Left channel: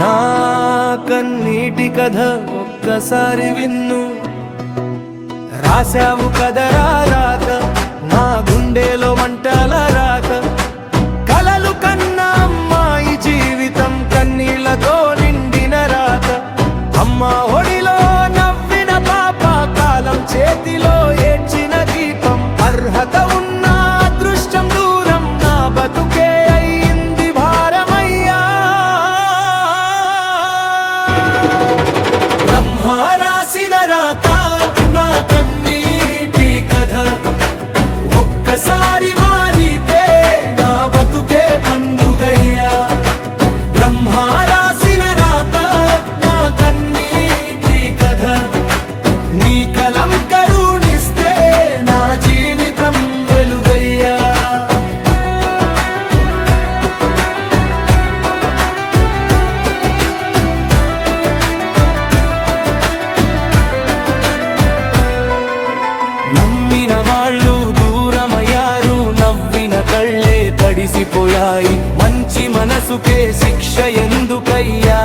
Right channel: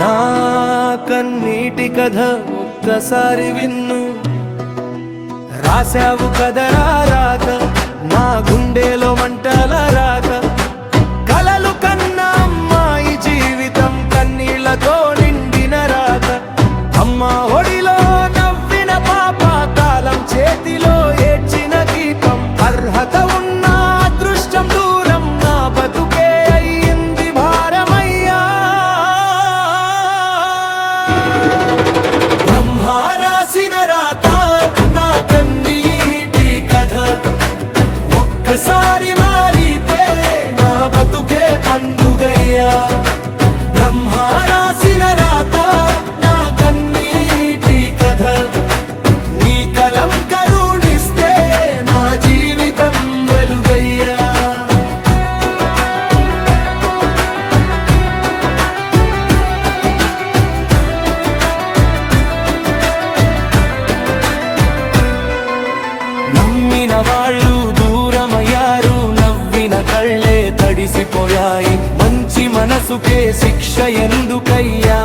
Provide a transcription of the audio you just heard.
నా కన్నీటి కథ ఒక్కసారి విన్ను, రాశావు కదరా రాత, నా గుండెలో మంటల రాత. కలలు కన్నా అమ్మాయి జీవితం కన్నీళ్లతో నిండిన రాత. అమ్మ ఒడిలో నవ్విన పాప, కాలం చేతిలో ఏడ్చిన దీపం. అర్హత ఉన్న అదృష్టం దూరం, నా బతుకే అయ్యింది భారమయ్యా. బ్రహ్మ రాసిన రాత నా కన్నీటి కథ, ఒక్కసారి మారితే నా బతుకే పండుగయ్యా. బ్రహ్మ రాసిన రాత నా కన్నీటి కథ, నీ కలం కరుణిస్తే నా జీవితం వెలుగయ్యా. నమ్మిన వాళ్ళు దూరమయ్యారు, నవ్విన కళ్ళే తడిసిపోయాయి. మంచి మనసుకే శిక్ష ఎందుకయ్యా?